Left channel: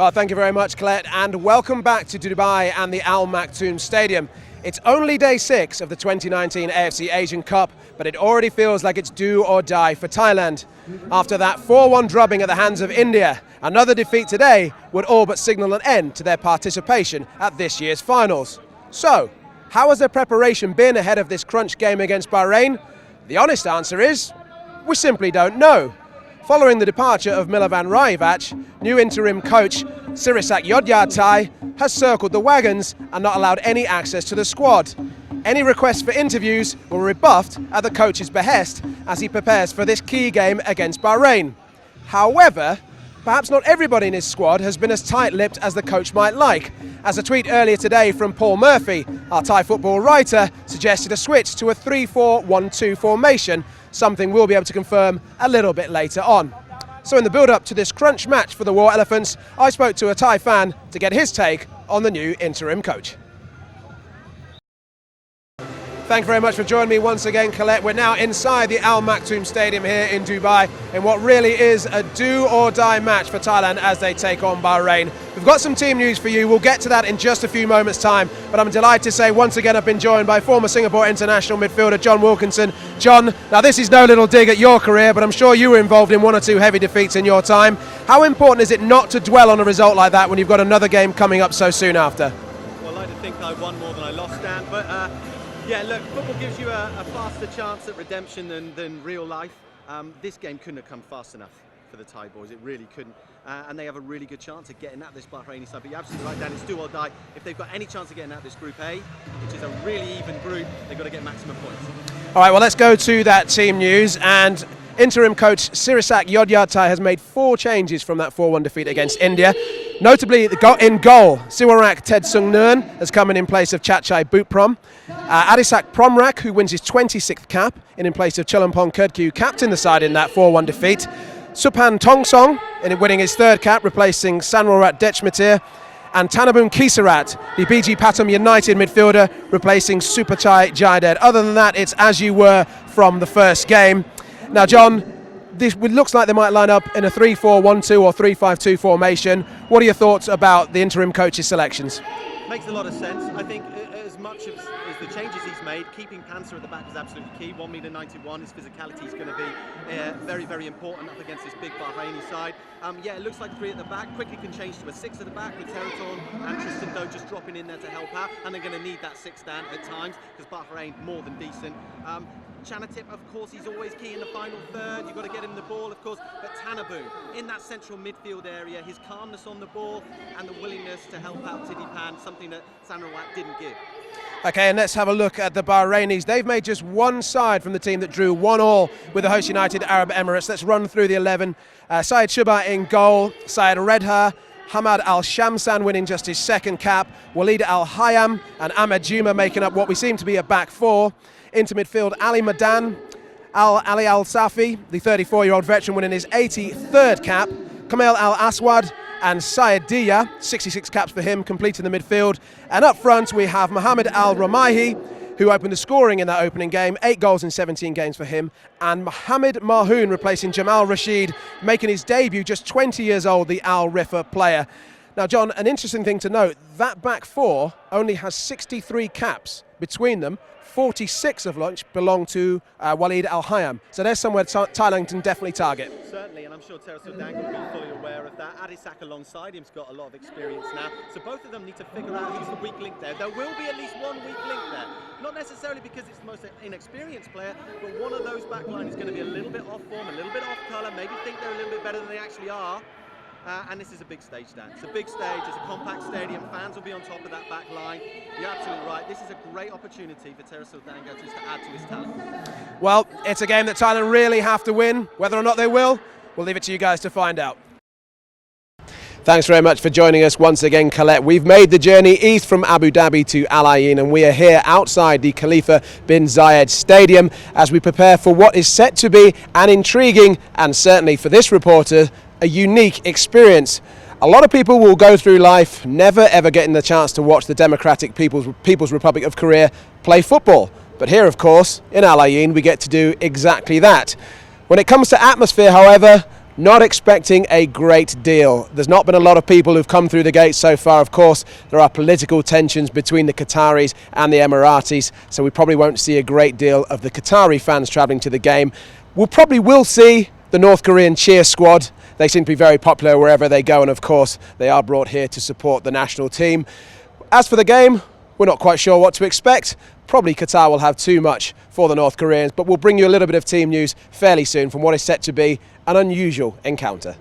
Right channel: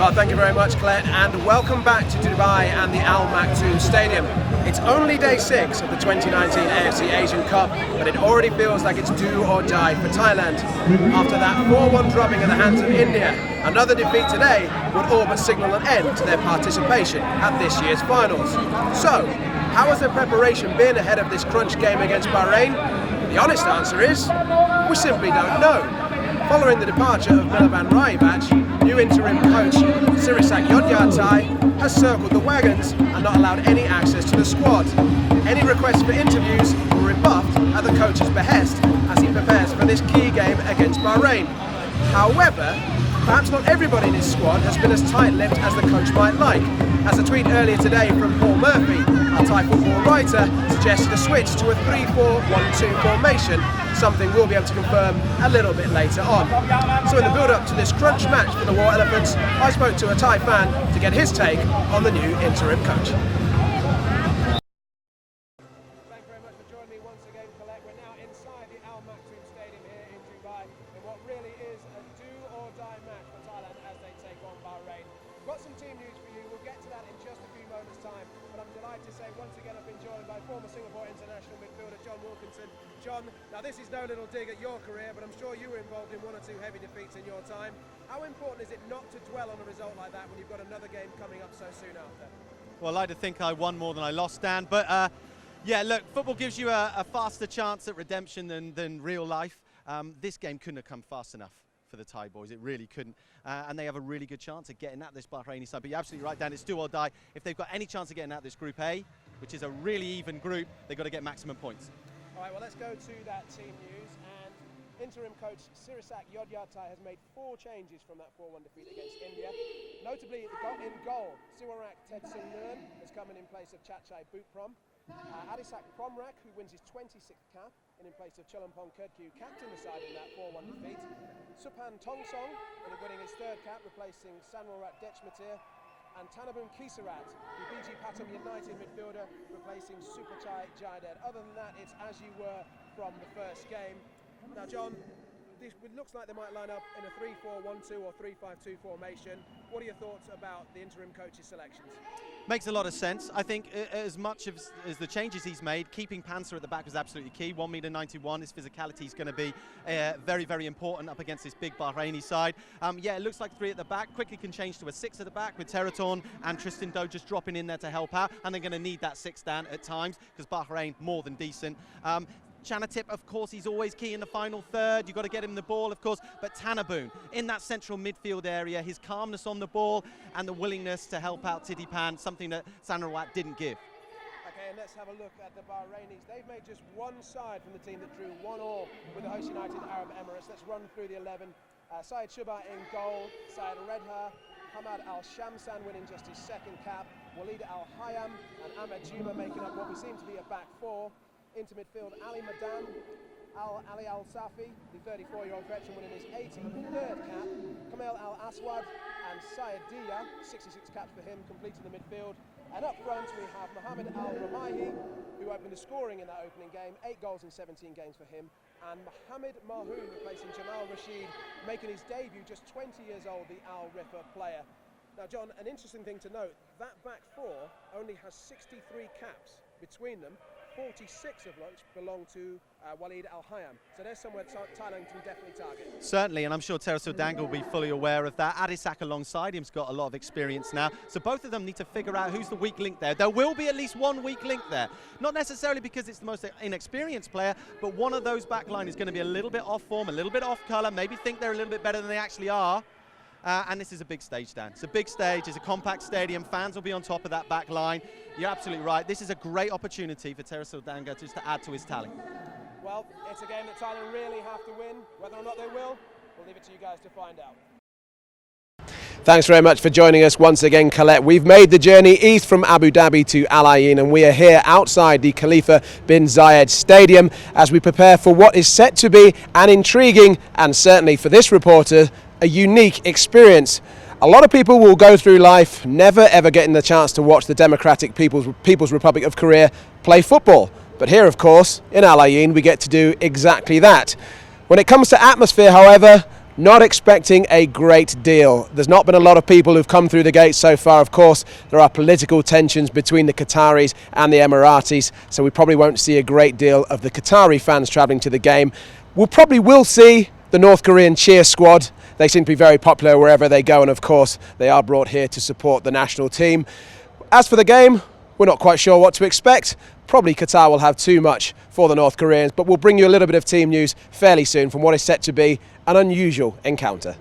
Well, thank you very much, Colette, and welcome back to Dubai and the Al Maktoum Stadium. It's only day 6 of the 2019 AFC Asian Cup, but it already feels like it's do or die for Thailand. After that 4-1 drubbing at the hands of India, another defeat today would all but signal an end to their participation at this year's finals. So, how has their preparation been ahead of this crunch game against Bahrain? The honest answer is, we simply don't know. Following the departure of Milovan Rajevac, new interim coach Sirisak Yodyatai has circled the wagons and not allowed any access to the squad. Any requests for interviews were rebuffed at the coach's behest as he prepares for this key game against Bahrain. However, perhaps not everybody in his squad has been as tight-lipped as the coach might like, as a tweet earlier today from Paul Murphy, our Thai football writer, suggested a switch to a 3-4-1-2 formation, something we'll be able to confirm a little bit later on. So in the build-up to this crunch match for the War Elephants, I spoke to a Thai fan to get his take on the new interim coach. Thank you very much for joining me once again, Colette. We're now inside the Al Maktoum Stadium here in Dubai in what really is a do-or-die match for Thailand as they take on Bahrain. We've got some team news for you. We'll get to that in just a few moments' time. But I'm delighted to say once again I've been joined by former Singapore international midfielder John Wilkinson. John, now this is no little dig at your career, but I'm sure you were involved in 1 or 2 heavy defeats in your time. How important is it not to dwell on a result like that when you've got another game coming up so soon after? Well, I like to think I won more than I lost, Dan, but yeah, look, football gives you a faster chance at redemption than real life. This game couldn't have come fast enough for the Thai boys, it really couldn't. And they have a really good chance of getting at this Bahraini side. But you're absolutely right, Dan, it's do or die. If they've got any chance of getting at this Group A, which is a really even group, they've got to get maximum points. All right, well, let's go to that team news. And interim coach Sirisak Yodyatai has made 4 changes from that 4-1 defeat against India. Notably, in goal, Siwarak Ted Sung Nern has come in place of Chachai Butprom. Adisak Promrak, who wins his 26th cap, in place of Chulampong Kurtku, captained the side in that 4-1 defeat. Supan Tongsong, winning his 3rd cap, replacing Sanrorat Dechmatir. And Tanabun Kisarat, the BG Pathum United midfielder, replacing Supachai Jaidet. Other than that, it's as you were from the first game. Now, John, this looks like they might line up in a 3-4-1-2 or 3-5-2 formation. What are your thoughts about the interim coach's selections? Makes a lot of sense. I think as much as the changes he's made, keeping Panzer at the back is absolutely key. 1m91, his physicality is going to be very, very important up against this big Bahraini side. Yeah, it looks like 3 at the back. Quickly can change to a 6 at the back with Teraton and Tristan Doe just dropping in there to help out. And they're going to need that 6 down at times because Bahrain more than decent. Chanatip, of course, he's always key in the final third. You've got to get him the ball, of course. But Tanabu, in that central midfield area, his calmness on the ball and the willingness to help out Tidipan, something that Sanrawat didn't give. Okay, and let's have a look at the Bahrainis. They've made just 1 side from the team that drew 1-1 with the host United Arab Emirates. Let's run through the 11. Syed Shuba in goal, Syed Redha, Hamad Al-Shamsan winning just his 2nd cap, Walid Al-Hayam and Ahmed Juma making up what we seem to be a back 4. Into midfield, Ali Madan, Ali Al-Safi, the 34-year-old veteran winning his 83rd cap, Kamal Al-Aswad and Syed Diya, 66 caps for him, completing the midfield. And up front we have Mohammed Al-Ramaihi, who opened the scoring in that opening game, 8 goals in 17 games for him, and Mohammed Marhoun replacing Jamal Rashid, making his debut, just 20 years old, the Al Rifa player. Now, John, an interesting thing to note, that back 4 only has 63 caps between them, 46 of which belong to Walid Al-Hayam. So there's somewhere Thailand can definitely target. Certainly, and I'm sure Tereso Dangle will be fully aware of that. Adisak alongside him's got a lot of experience now. So both of them need to figure out who's the weak link there. There will be at least one weak link there. Not necessarily because it's the most inexperienced player, but one of those backline is going to be a little bit off form, a little bit off colour, maybe think they're a little bit better than they actually are. And this is a big stage, Dan. It's a big stage, it's a compact stadium, fans will be on top of that back line. You're absolutely right, this is a great opportunity for Tereso Dango just to add to his talent. Well, it's a game that Thailand really have to win. Whether or not they will, we'll leave it to you guys to find out. Thanks very much for joining us once again, Colette. We've made the journey east from Abu Dhabi to Al Ain, and we are here outside the Khalifa bin Zayed Stadium as we prepare for what is set to be an intriguing and certainly for this reporter a unique experience. A lot of people will go through life never ever getting the chance to watch the Democratic People's Republic of Korea play football. But here, of course, in Al Ain, we get to do exactly that. When it comes to atmosphere, however, Not expecting a great deal. There's not been a lot of people who've come through the gates so far. Of course, there are political tensions between the Qataris and the Emiratis, so we probably won't see a great deal of the Qatari fans travelling to the game. We probably will see the North Korean cheer squad. They seem to be very popular wherever they go, and of course, they are brought here to support the national team. As for the game, we're not quite sure what to expect. Probably Qatar will have too much for the North Koreans, but we'll bring you a little bit of team news fairly soon from what is set to be an unusual encounter.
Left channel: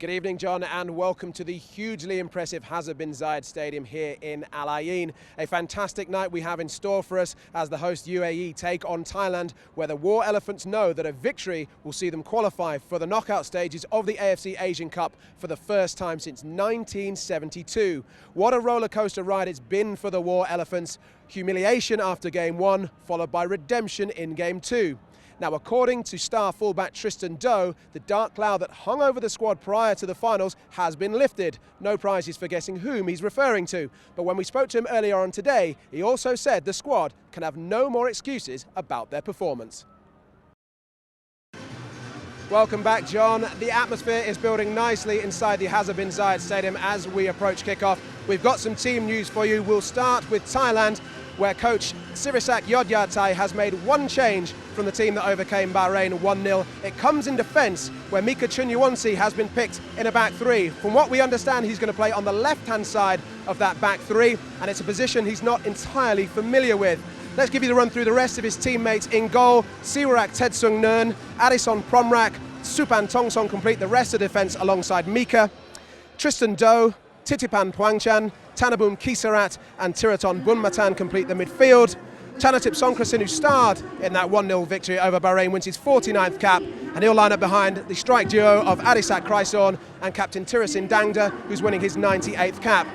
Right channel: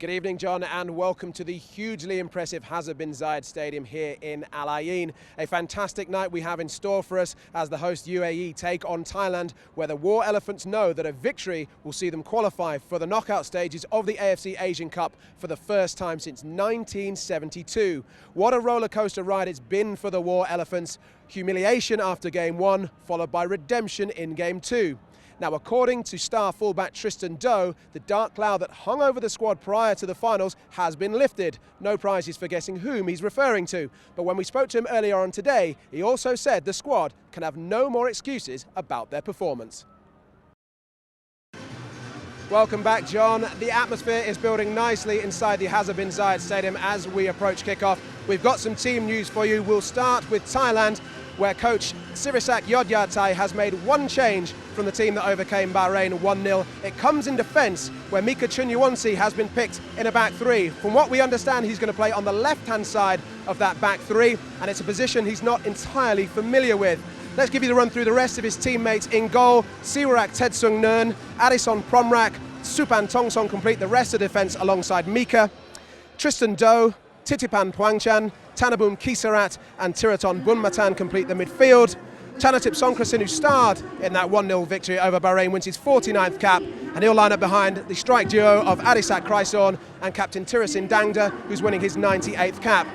Good evening, John, and welcome to the hugely impressive Hazard bin Zayed Stadium here in Al Ain. A fantastic night we have in store for us as the host UAE take on Thailand, where the War Elephants know that a victory will see them qualify for the knockout stages of the AFC Asian Cup for the first time since 1972. What a roller coaster ride it's been for the War Elephants. Humiliation after game one, followed by redemption in game two. Now, according to star fullback Tristan Doe, the dark cloud that hung over the squad prior to the finals has been lifted. No prizes for guessing whom he's referring to. But when we spoke to him earlier on today, he also said the squad can have no more excuses about their performance. Welcome back, John. The atmosphere is building nicely inside the Hazard bin Zayed Stadium as we approach kickoff. We've got some team news for you. We'll start with Thailand, where coach Sirisak Yodyatai has made one change from the team that overcame Bahrain 1-0. It comes in defence, where Mika Chunyawonsi has been picked in a back three. From what we understand, he's going to play on the left-hand side of that back three, and it's a position he's not entirely familiar with. Let's give you the run through the rest of his teammates. In goal, Siwarak Tetsung Nern, Addison Promrak, Supan Tongsong complete the rest of the defence alongside Mika. Tristan Doe, Titipan Pwangchan, Tanabum Kisarat and Tiraton Bunmatan complete the midfield. Chanatip Songkrasin, who starred in that 1-0 victory over Bahrain, wins his 49th cap, and he'll line up behind the strike duo of Adisak Chrysorn and captain Tirasin Dangda, who's winning his 98th cap.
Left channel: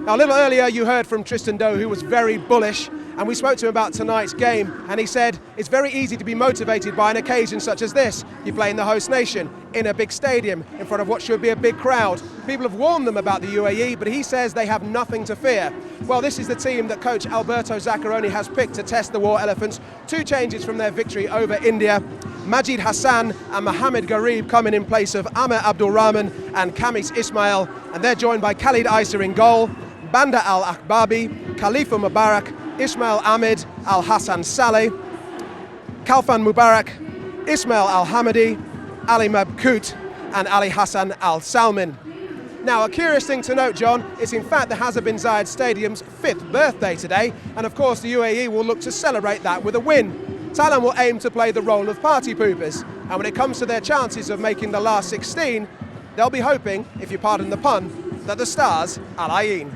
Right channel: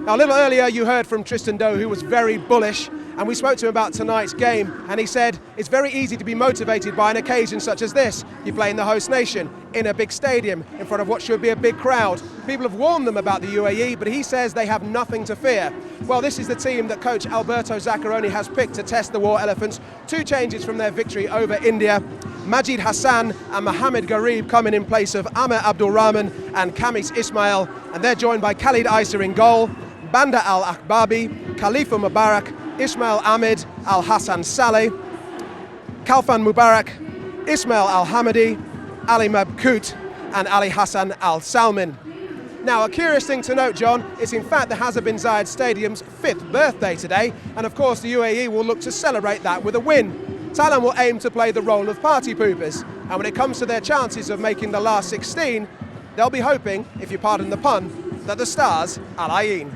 Now, a little earlier you heard from Tristan Doe, who was very bullish, and we spoke to him about tonight's game, and he said it's very easy to be motivated by an occasion such as this. You play in the host nation, in a big stadium, in front of what should be a big crowd. People have warned them about the UAE, but he says they have nothing to fear. Well, this is the team that coach Alberto Zaccaroni has picked to test the War Elephants. Two changes from their victory over India. Majid Hassan and Mohamed Garib coming in place of Amir Abdul Rahman and Kamis Ismail, and they're joined by Khalid Isa in goal, Banda Al-Akbabi, Khalifa Mubarak, Ismail Ahmed, Al-Hassan Saleh, Kalfan Mubarak, Ismail Al-Hamadi, Ali Mabkoot and Ali Hassan Al-Salmin. Now, a curious thing to note, John, is in fact the Hazard bin Zayed Stadium's 5th birthday today, and of course the UAE will look to celebrate that with a win. Thailand will aim to play the role of party poopers, and when it comes to their chances of making the last 16, they'll be hoping, if you pardon the pun, that the stars Al Ain.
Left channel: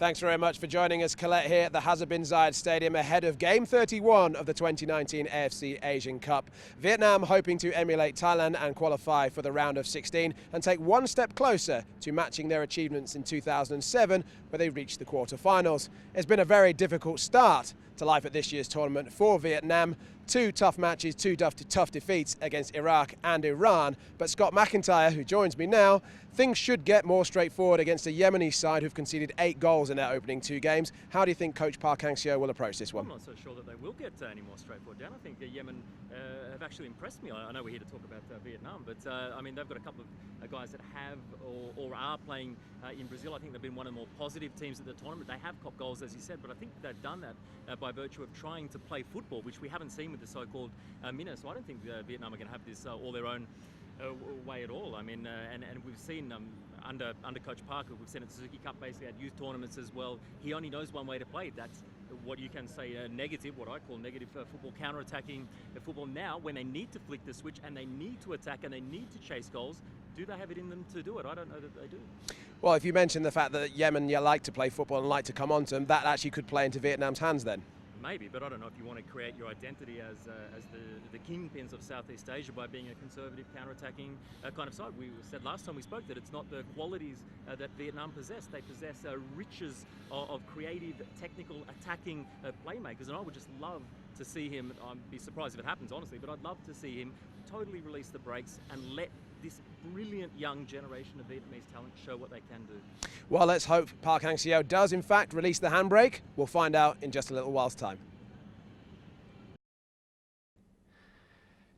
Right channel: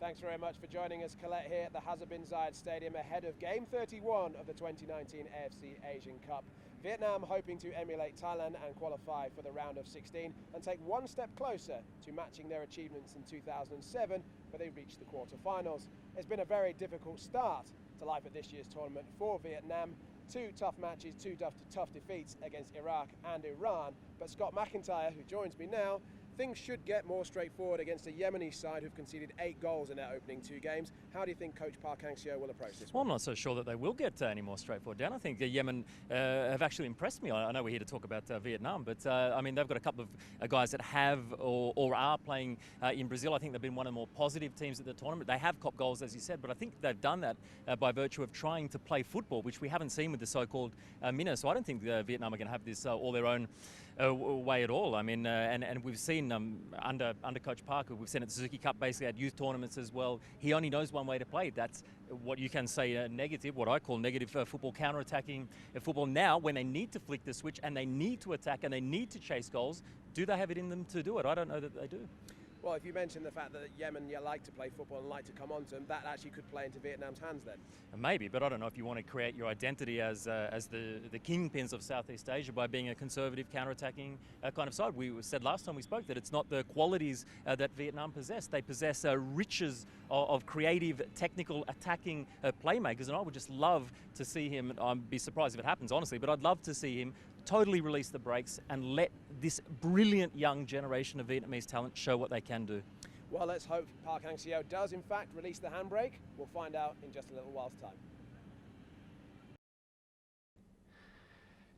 Thanks very much for joining us, Colette, here at the Hazard bin Zayed Stadium ahead of Game 31 of the 2019 AFC Asian Cup. Vietnam hoping to emulate Thailand and qualify for the round of 16 and take one step closer to matching their achievements in 2007, where they reached the quarter-finals. It's been a very difficult start to life at this year's tournament for Vietnam. Two tough matches, two tough defeats against Iraq and Iran. But Scott McIntyre, who joins me now, things should get more straightforward against a Yemeni side who've conceded 8 goals in their opening 2 games. How do you think Coach Park Hang-seo will approach this one? Well, I'm not so sure that they will get any more straightforward, Dan. I think Yemen have actually impressed me. I know we're here to talk about Vietnam, but I mean, they've got a couple of guys that have or are playing in Brazil. I think they've been one of the more positive teams at the tournament. They have copped goals, as you said, but I think they've done that by virtue of trying to play football, which we haven't seen with the so-called Minnow. So I don't think Vietnam are going to have this all their own way at all. I mean, and we've seen under Coach Parker, we've seen at Suzuki Cup basically at youth tournaments as well. He only knows one way to play. That's what you can say negative, what I call negative football, counter-attacking football. Now, when they need to flick the switch and they need to attack and they need to chase goals, do they have it in them to do it? I don't know that they do. Well, if you mention the fact that Yemen like to play football and like to come onto them, that actually could play into Vietnam's hands then. Maybe, but I don't know if you want to create your identity as the kingpins of Southeast Asia by being a conservative, counter-attacking kind of side. We said last time we spoke that it's not the qualities that Vietnam possess. They possess riches of creative, technical, attacking playmakers, and I would just love to see him. I'd be surprised if it happens, honestly, but I'd love to see him totally release the brakes and let this brilliant young generation of Vietnamese talent show what they can do. Well, let's hope Park Hang-seo does in fact release the handbrake. We'll find out in just a little while's time.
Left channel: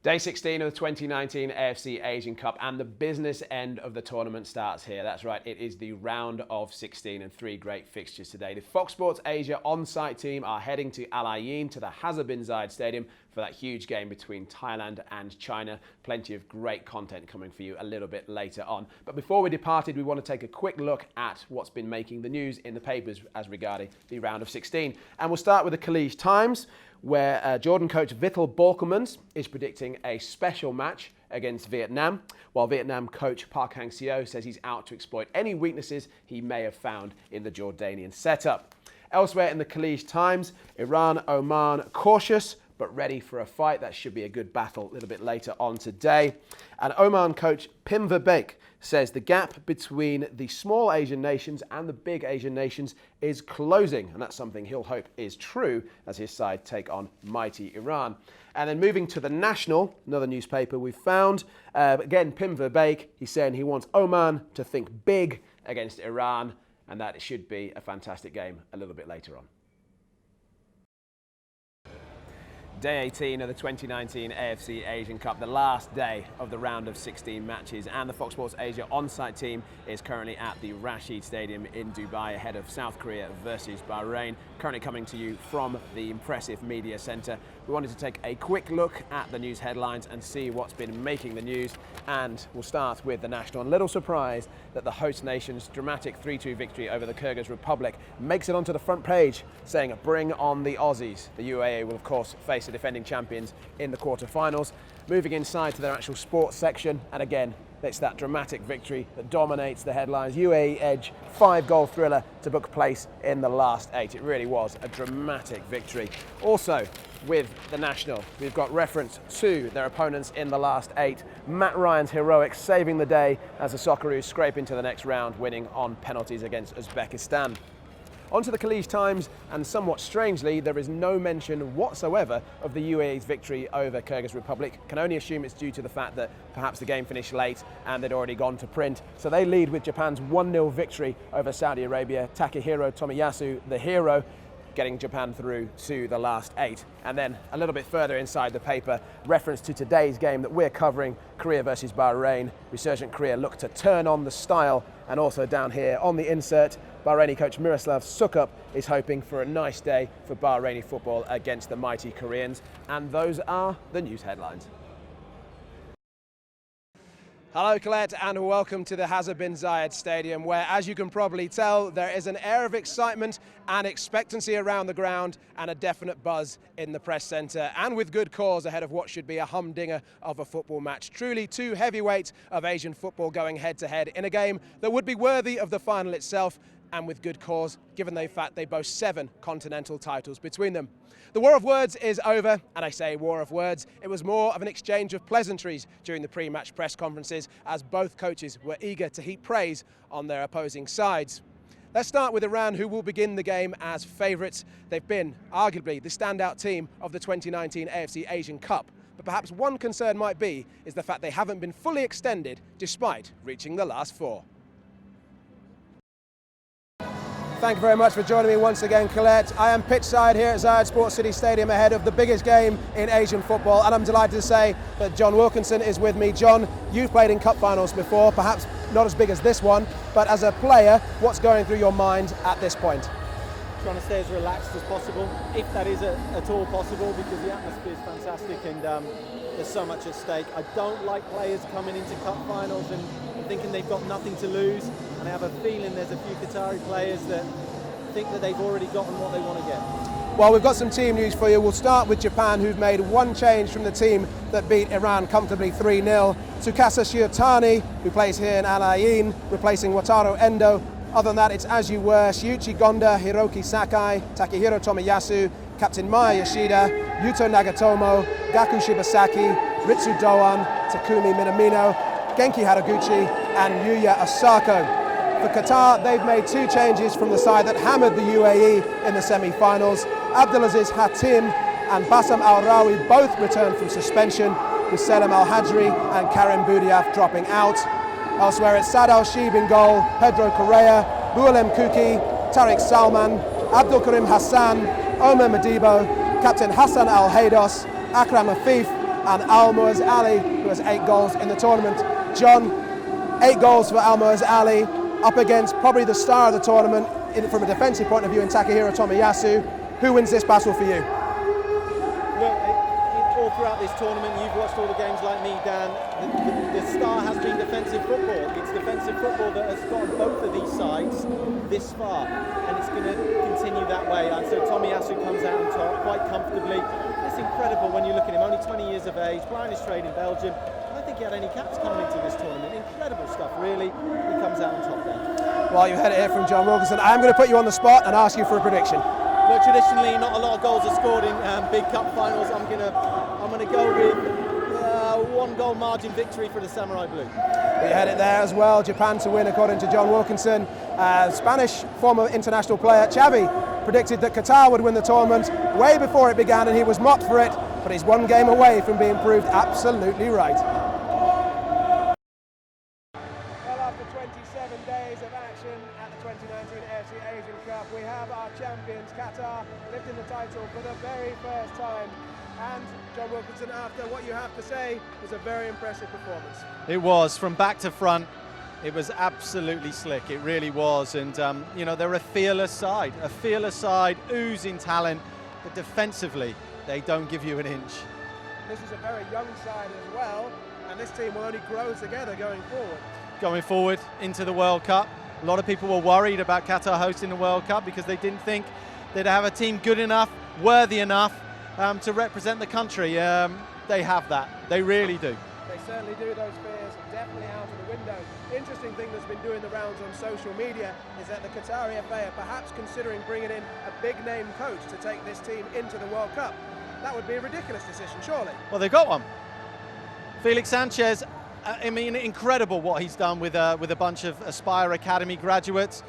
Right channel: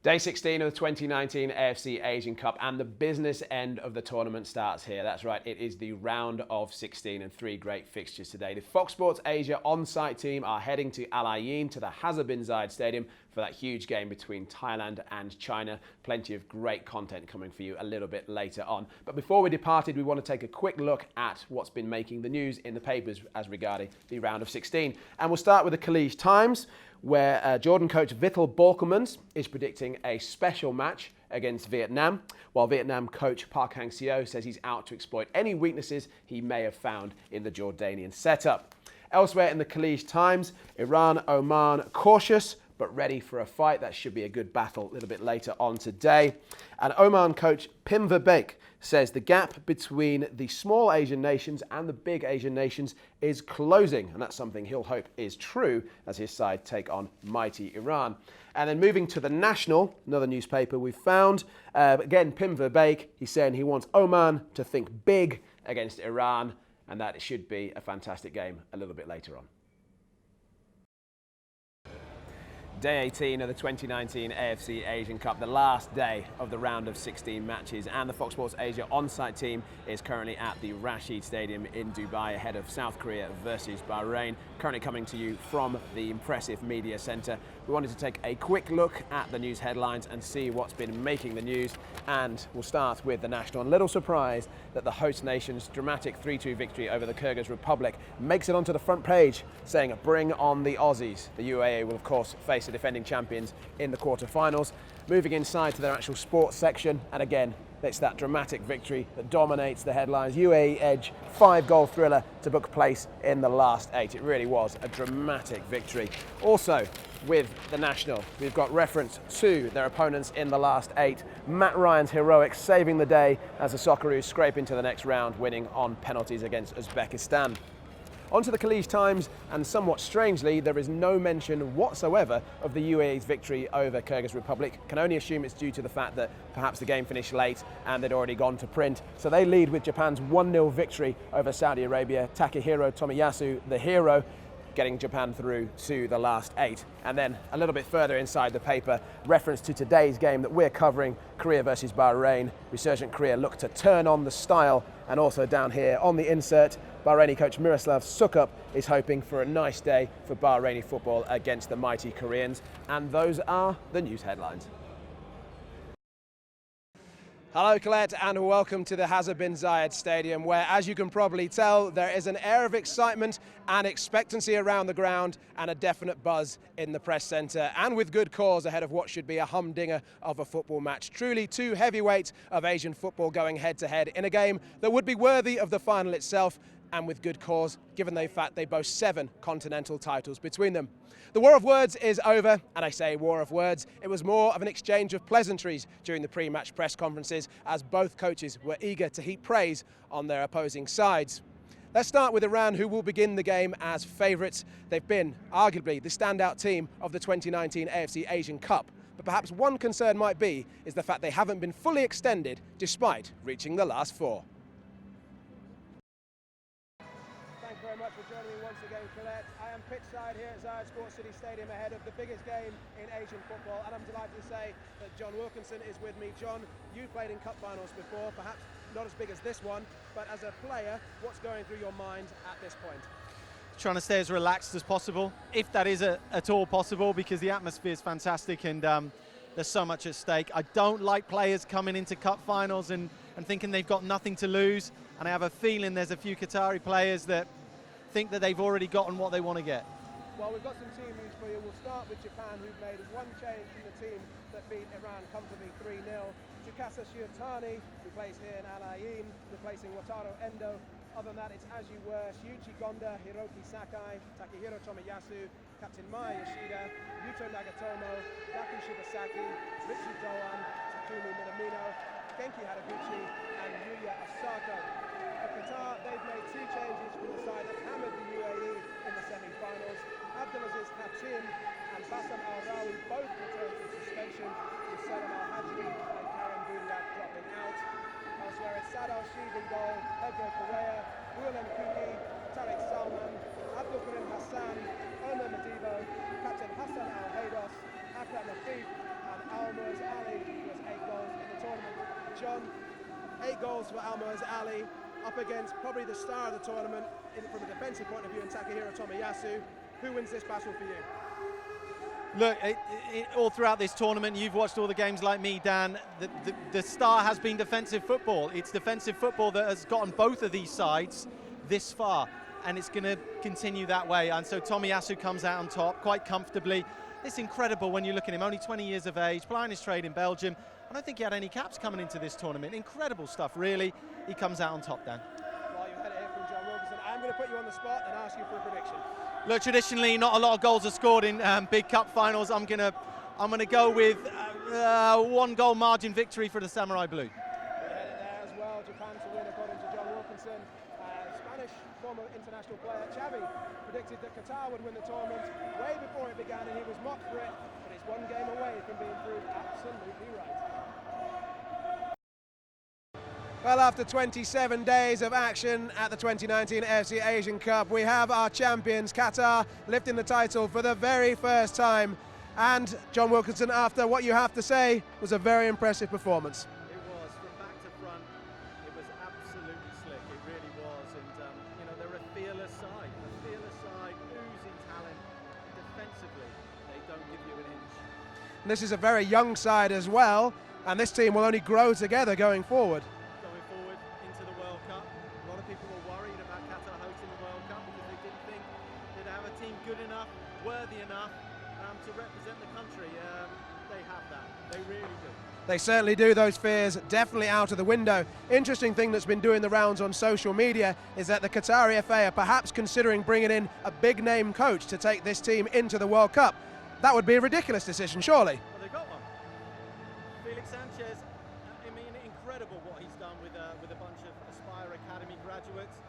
Day 16 of the 2019 AFC Asian Cup, and the business end of the tournament starts here. That's right, it is the round of 16 and 3 great fixtures today. The Fox Sports Asia on-site team are heading to Al Ain, to the Hazard bin Zayed Stadium, for that huge game between Thailand and China. Plenty of great content coming for you a little bit later on. But before we departed, we want to take a quick look at what's been making the news in the papers as regarding the round of 16. And we'll start with the Khaleej Times, where Jordan coach Vittel Borkelmans is predicting a special match against Vietnam, while Vietnam coach Park Hang-seo says he's out to exploit any weaknesses he may have found in the Jordanian setup. Elsewhere in the Khaleej Times, Iran-Oman cautious but ready for a fight. That should be a good battle a little bit later on today. And Oman coach Pim Verbeek says the gap between the small Asian nations and the big Asian nations is closing, and that's something he'll hope is true as his side take on mighty Iran. And then moving to the National, another newspaper we found, again Pim Verbeek, he's saying he wants Oman to think big against Iran, and that it should be a fantastic game a little bit later on. Day 18 of the 2019 AFC Asian Cup, the last day of the round of 16 matches, and the Fox Sports Asia on-site team is currently at the Rashid Stadium in Dubai ahead of South Korea versus Bahrain, currently coming to you from the impressive media centre. We wanted to take a quick look at the news headlines and see what's been making the news, and we'll start with the National. And a little surprise that the host nation's dramatic 3-2 victory over the Kyrgyz Republic makes it onto the front page, saying bring on the Aussies. The UAE will of course face the defending champions in the quarter-finals. Moving inside to their actual sports section, and again it's that dramatic victory that dominates the headlines. UAE edge, 5-goal thriller to book place in the last 8. It really was a dramatic victory. Also with the National, we've got reference to their opponents in the last 8. Matt Ryan's heroics saving the day as the Socceroos scrape into the next round, winning on penalties against Uzbekistan. Onto the Khaleej Times, and somewhat strangely, there is no mention whatsoever of the UAE's victory over Kyrgyz Republic. Can only assume it's due to the fact that perhaps the game finished late and they'd already gone to print. So they lead with Japan's 1-0 victory over Saudi Arabia. Takehiro Tomiyasu, the hero, getting Japan through to the last 8. And then a little bit further inside the paper, reference to today's game that we're covering, Korea versus Bahrain. Resurgent Korea look to turn on the style. And also down here on the insert, Bahraini coach Miroslav Sukup is hoping for a nice day for Bahraini football against the mighty Koreans. And those are the news headlines. Hello Colette, and welcome to the Hazard bin Zayed Stadium, where, as you can probably tell, there is an air of excitement and expectancy around the ground and a definite buzz in the press centre, and with good cause ahead of what should be a humdinger of a football match. Truly two heavyweights of Asian football going head to head in a game that would be worthy of the final itself, and with good cause, given the fact they boast 7 continental titles between them. The war of words is over, and I say war of words. It was more of an exchange of pleasantries during the pre-match press conferences, as both coaches were eager to heap praise on their opposing sides. Let's start with Iran, who will begin the game as favourites. They've been arguably the standout team of the 2019 AFC Asian Cup. But perhaps one concern might be is the fact they haven't been fully extended despite reaching the last 4. Thank you very much for joining me once again, Colette. I am pitchside here at Zayed Sports City Stadium ahead of the biggest game in Asian football, and I'm delighted to say that John Wilkinson is with me. John, you've played in cup finals before, perhaps not as big as this one, but as a player, what's going through your mind at this point? Trying to stay as relaxed as possible, if that is at all possible, because the atmosphere is fantastic and there's so much at stake. I don't like players coming into cup finals and thinking they've got nothing to lose, and I have a feeling there's a few Qatari players that think that they've already gotten what they want to get. Well, we've got some team news for you. We'll start with Japan, who've made one change from the team that beat Iran comfortably 3-0. Tsukasa Shiotani, who plays here in Al Ain, replacing Wataru Endo. Other than that, it's as you were: Shiuchi Gonda, Hiroki Sakai, Takehiro Tomiyasu, Captain Maya Yoshida, Yuto Nagatomo, Gaku Shibasaki, Ritsu Doan, Takumi Minamino, Genki Haraguchi and Yuya Osako. For Qatar, they've made 2 changes from the side that hammered the UAE in the semi-finals. Abdulaziz Hatim and Bassam Al-Rawi both returned from suspension, with Selim Al-Hajri and Karim Boudiaf dropping out. Elsewhere, it's Sad Al-Shib in goal, Pedro Correa, Boualem Kuki, Tariq Salman, Abdul Karim Hassan, Omer Madibo, Captain Hassan Al-Haydos, Akram Afif, and Almoez Ali, who has 8 goals in the tournament. John, 8 goals for Almoez Ali, up against probably the star of the tournament from a defensive point of view in Takahiro Tomiyasu. Who wins this battle for you? Look, all throughout this tournament, you've watched all the games like me, Dan. The star has been defensive football. It's defensive football that has gotten both of these sides this far, and it's going to continue that way. And so Tomiyasu comes out on top quite comfortably. It's incredible when you look at him, only 20 years of age, playing his trade in Belgium. I don't think he had any caps coming into this tournament. Incredible stuff, really. He comes out on top there. Well, you heard it here from John Wilkinson. I'm going to put you on the spot and ask you for a prediction. No, traditionally, not a lot of goals are scored in big cup finals. I'm gonna go with 1-goal margin victory for the Samurai Blue. We had it there as well. Japan to win, according to John Wilkinson. Spanish former international player Xavi predicted that Qatar would win the tournament way before it began, and he was mocked for it. But he's 1 game away from being proved absolutely right. Well, after 27 days of action at the 2019 AFC Asian Cup, we have our champions, Qatar, lifting the title for the very first time. And John Wilkinson, after what you have to say, was a very impressive performance. It was, from back to front. It was absolutely slick, it really was. And, you know, they're a fearless side, oozing talent, but defensively, they don't give you an inch. And this is a very young side as well, and this team will only grow together going forward. Going forward into the World Cup. A lot of people were worried about Qatar hosting the World Cup because they didn't think they'd have a team good enough, worthy enough to represent the country. They have that, they really do. They certainly do. Those fears definitely out of the window. Interesting thing that's been doing the rounds on social media is that the Qatari FA are perhaps considering bringing in a big name coach to take this team into the World Cup. That would be a ridiculous decision, surely. Well, they've got one. Felix Sanchez, I mean, incredible what he's done with a bunch of Aspire Academy graduates.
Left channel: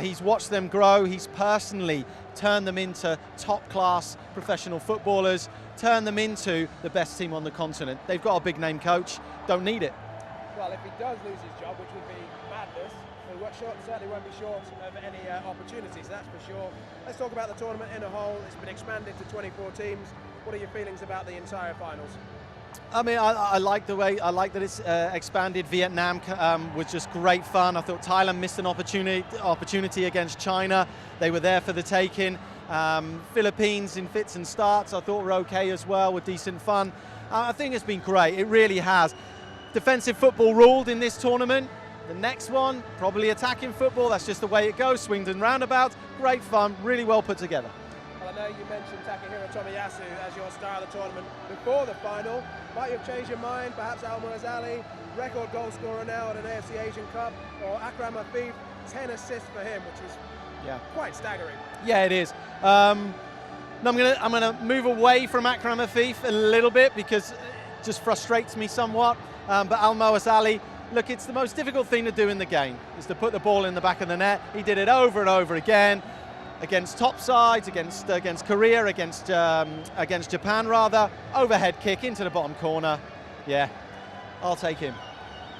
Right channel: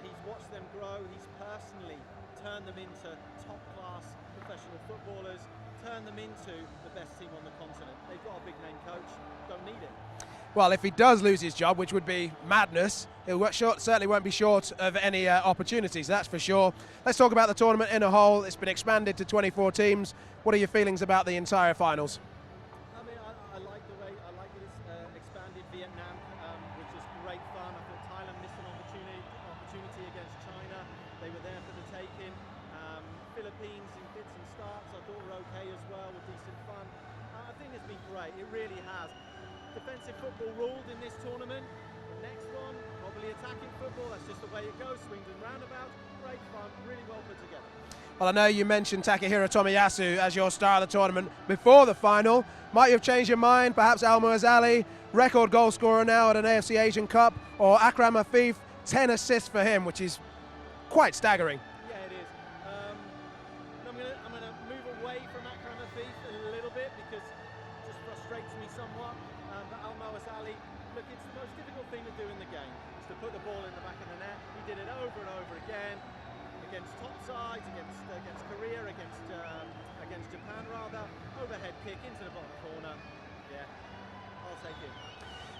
He's watched them grow. He's personally turned them into top-class professional footballers, turned them into the best team on the continent. They've got a big-name coach. Don't need it. Well, if he does lose his job, which would be madness, it certainly won't be short of any opportunities, that's for sure. Let's talk about the tournament in a whole. It's been expanded to 24 teams. What are your feelings about the entire finals? I mean, I like that it's expanded. Vietnam was just great fun. I thought Thailand missed an opportunity against China. They were there for the taking. Philippines in fits and starts I thought were okay as well, with decent fun. I think it's been great, it really has. Defensive football ruled in this tournament. The next one, probably attacking football. That's just the way it goes, swings and roundabouts. Great fun, really well put together. Well, I know you mentioned Takahiro Tomiyasu as your star of the tournament before the final. Might you have changed your mind? Perhaps Almoez Ali, record goal scorer now at an AFC Asian Cup, or Akram Afif, 10 assists for him, which is quite staggering. Yeah, it is. I'm gonna move away from Akram Afif a little bit because it just frustrates me somewhat. But Almoez Ali, look, it's the most difficult thing to do in the game, is to put the ball in the back of the net. He did it over and over again. Against top sides, against Korea, against Japan rather. Overhead kick into the bottom corner. Yeah, I'll take him.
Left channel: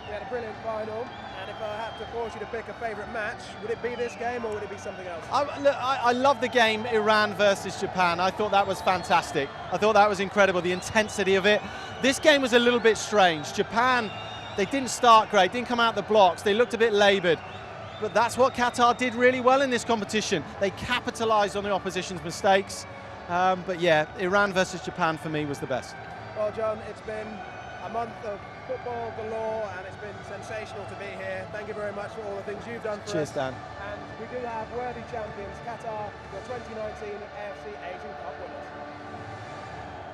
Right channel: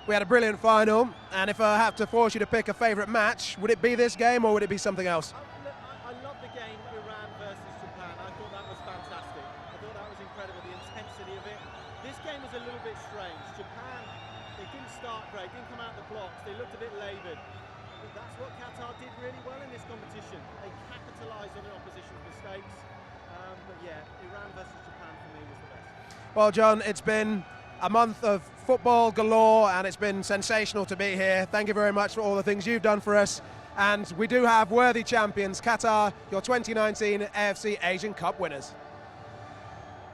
We had a brilliant final, and if I have to force you to pick a favourite match, would it be this game or would it be something else? I love the game Iran versus Japan. I thought that was fantastic. I thought that was incredible, the intensity of it. This game was a little bit strange. Japan, they didn't start great, didn't come out the blocks, they looked a bit laboured. But that's what Qatar did really well in this competition. They capitalised on the opposition's mistakes. But yeah, Iran versus Japan for me was the best. Well, John, it's been a month of football galore, and it's been sensational to be here. Thank you very much for all the things you've done for us. Dan. And we do have worthy champions, Qatar, your 2019 AFC Asian Cup winners.